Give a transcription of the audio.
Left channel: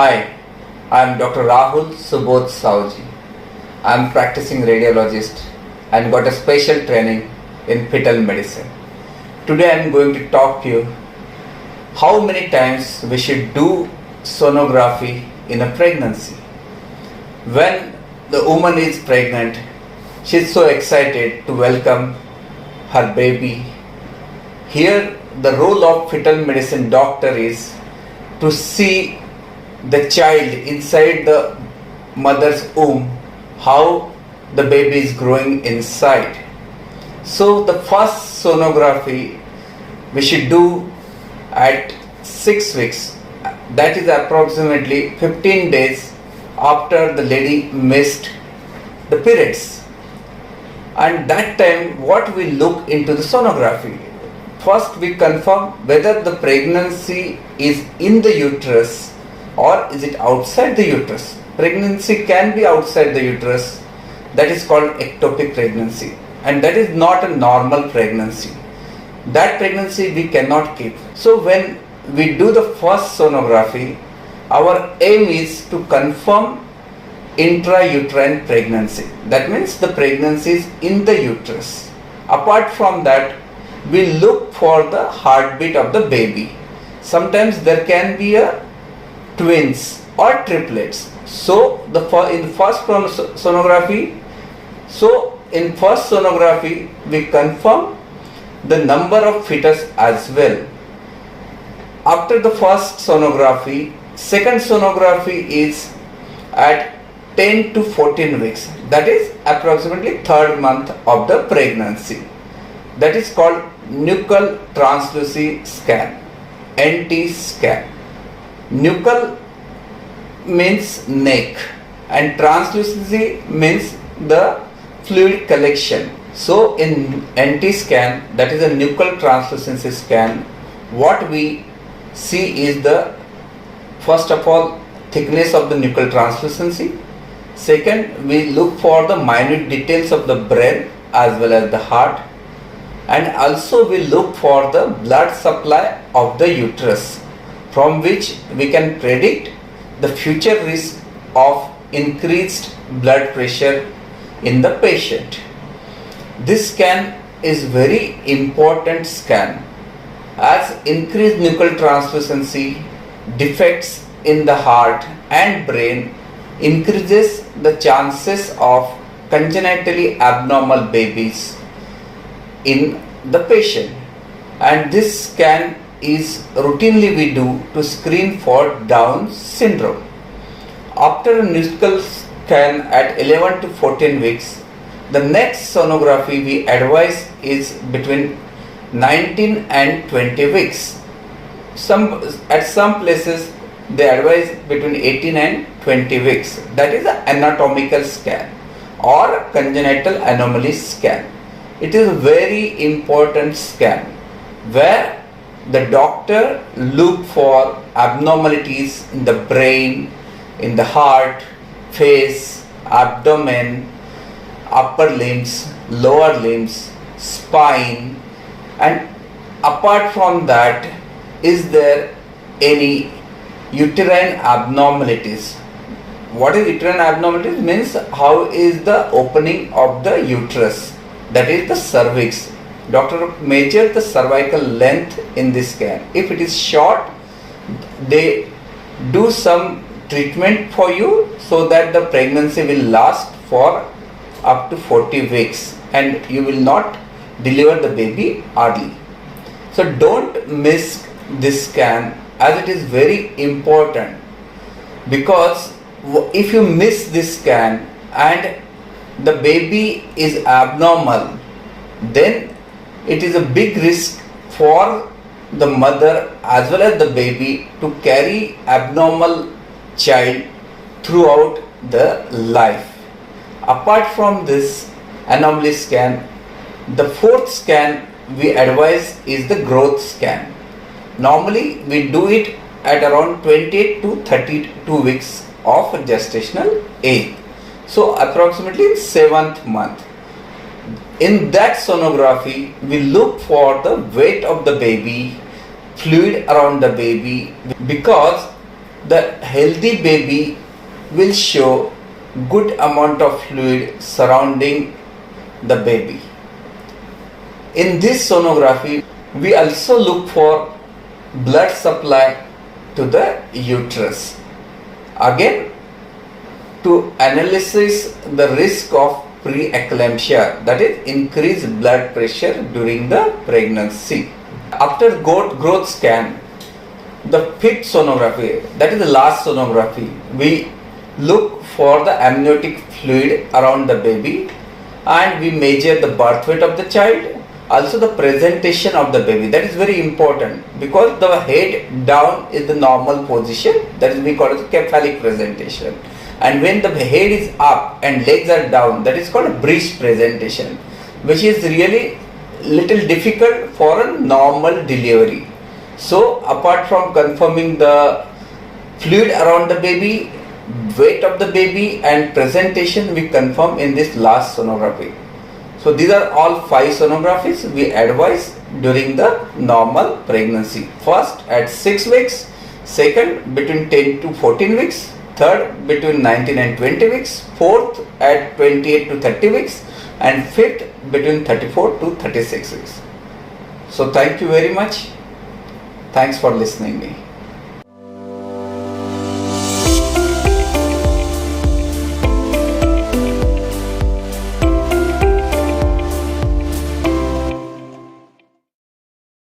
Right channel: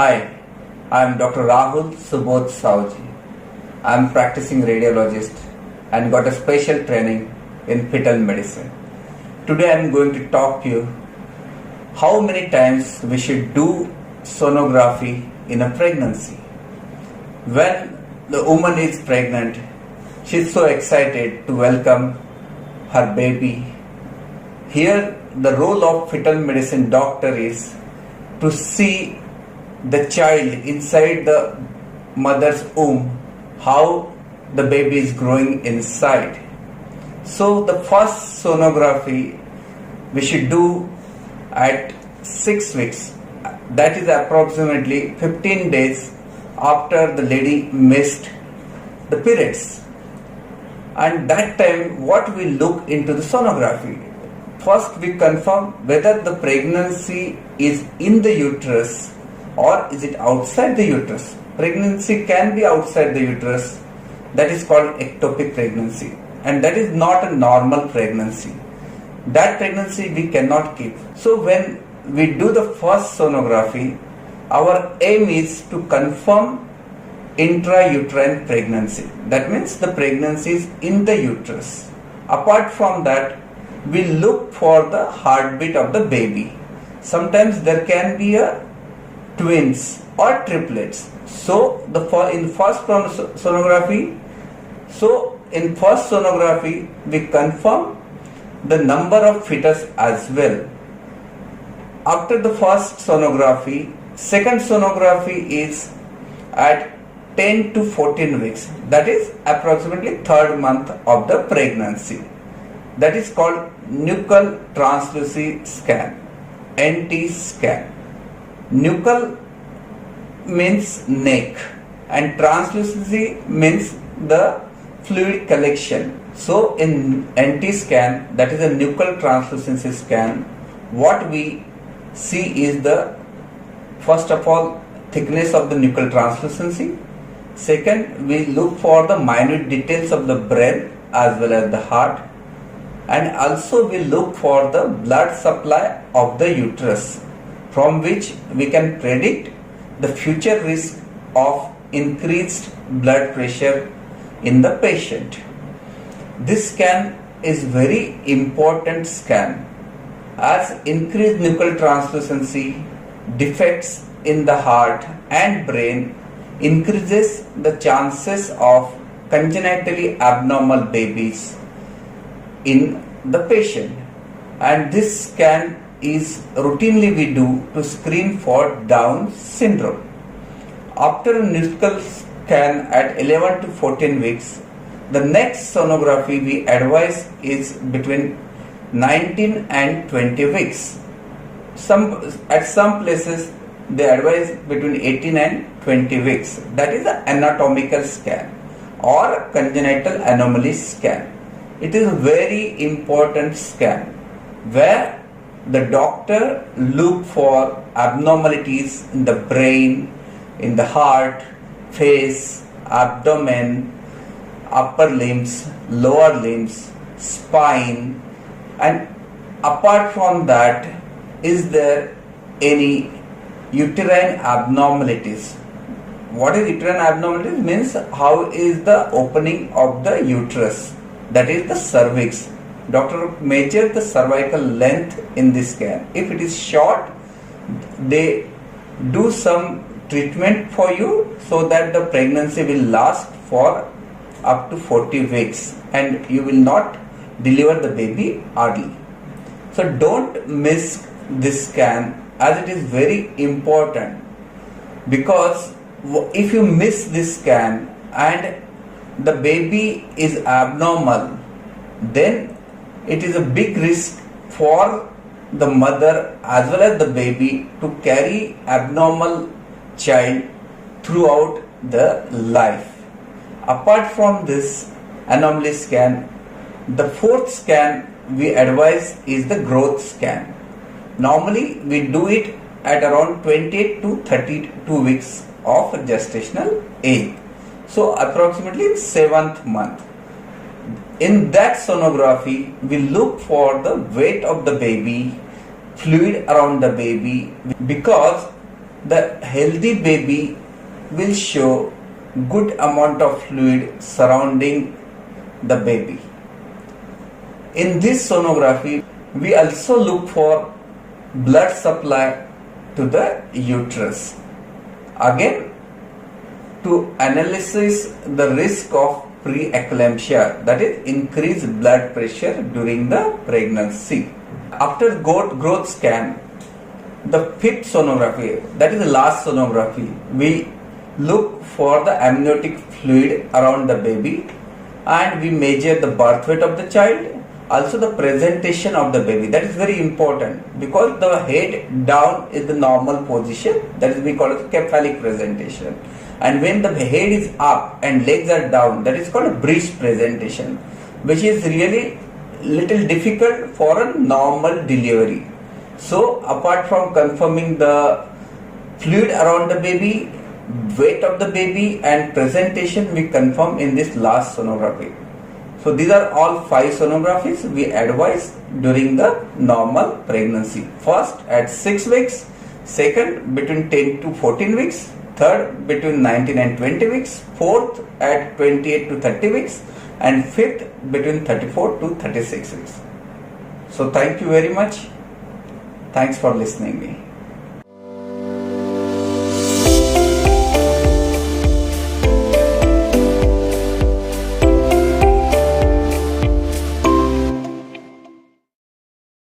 Hi, I am Dr. Rahul Subodh Sauji. I am practicing radiologist and got a special training in fetal medicine. Today I am going to talk to you how many times we should do sonography in a pregnancy. When the woman is pregnant, she is so excited to welcome her baby. Here the role of fetal medicine doctor is to see the child inside the mother's womb, how the baby is growing inside. So the first sonography we should do at 6 weeks, that is approximately 15 days after the lady missed the periods. And that time what we look into the sonography? First we confirm whether the pregnancy is in the uterus or is it outside the uterus. Pregnancy can be outside the uterus, that is called ectopic pregnancy, and that is not a normal pregnancy. That pregnancy we cannot keep. So when we do the first sonography, our aim is to confirm intrauterine pregnancy. That means the pregnancy is in the uterus. Apart from that, we look for the heartbeat of the baby. Sometimes there can be a twins or triplets. So in first sonography we confirm the number of fetus as well. After the first sonography, second sonography is at 10 to 14 weeks, that is approximately third month of the pregnancy. That is called nuchal translucency scan, NT scan. Nuchal means neck and translucency means the fluid collection. So in NT scan, that is a nuchal translucency scan, what we see is the first of all thickness of the nuchal translucency. Second, we look for the minute details of the brain as well as the heart, and also we look for the blood supply of the uterus, from which we can predict the future risk of increased blood pressure in the patient. This scan is very important scan, as increased nuchal translucency, defects in the heart and brain increases the chances of congenitally abnormal babies in the patient, and this scan is routinely we do to screen for Down syndrome. After a nuchal scan at 11 to 14 weeks, the next sonography we advise is between 19 and 20 weeks. At some places they advise between 18 and 20 weeks. That is an anatomical scan or congenital anomaly scan. It is a very important scan where the doctor look for abnormalities in the brain, in the heart, face, abdomen, upper limbs, lower limbs, spine, and apart from that, is there any uterine abnormalities? What is uterine abnormalities? Means how is the opening of the uterus, that is the cervix. Doctor measure the cervical length in this scan. If it is short, they do some treatment for you so that the pregnancy will last for up to 40 weeks and you will not deliver the baby early. So don't miss this scan, as it is very important, because if you miss this scan and the baby is abnormal, then it is a big risk for the mother as well as the baby to carry abnormal child throughout the life. Apart from this anomaly scan, the fourth scan we advise is the growth scan. Normally we do it at around 28 to 32 weeks of gestational age. So approximately 7th month. In that sonography, we look for the weight of the baby, fluid around the baby, because the healthy baby will show good amount of fluid surrounding the baby. In this sonography, we also look for blood supply to the uterus. Again, to analyze the risk of preeclampsia, that is increased blood pressure during the pregnancy. After growth scan, the fifth sonography, that is the last sonography, we look for the amniotic fluid around the baby, and we measure the birth weight of the child, also the presentation of the baby. That is very important because the head down is the normal position, that is we call it cephalic presentation, and when the head is up and legs are down, that is called a breech presentation, which is really little difficult for a normal delivery. So apart from confirming the fluid around the baby, weight of the baby and presentation, we confirm in this last sonography. So these are all 5 sonographies we advise during the normal pregnancy. First at 6 weeks, second between 10 to 14 weeks, third between 19 and 20 weeks, fourth at 28 to 30 weeks, and fifth between 34 to 36 weeks. So thank you very much. Thanks for listening me.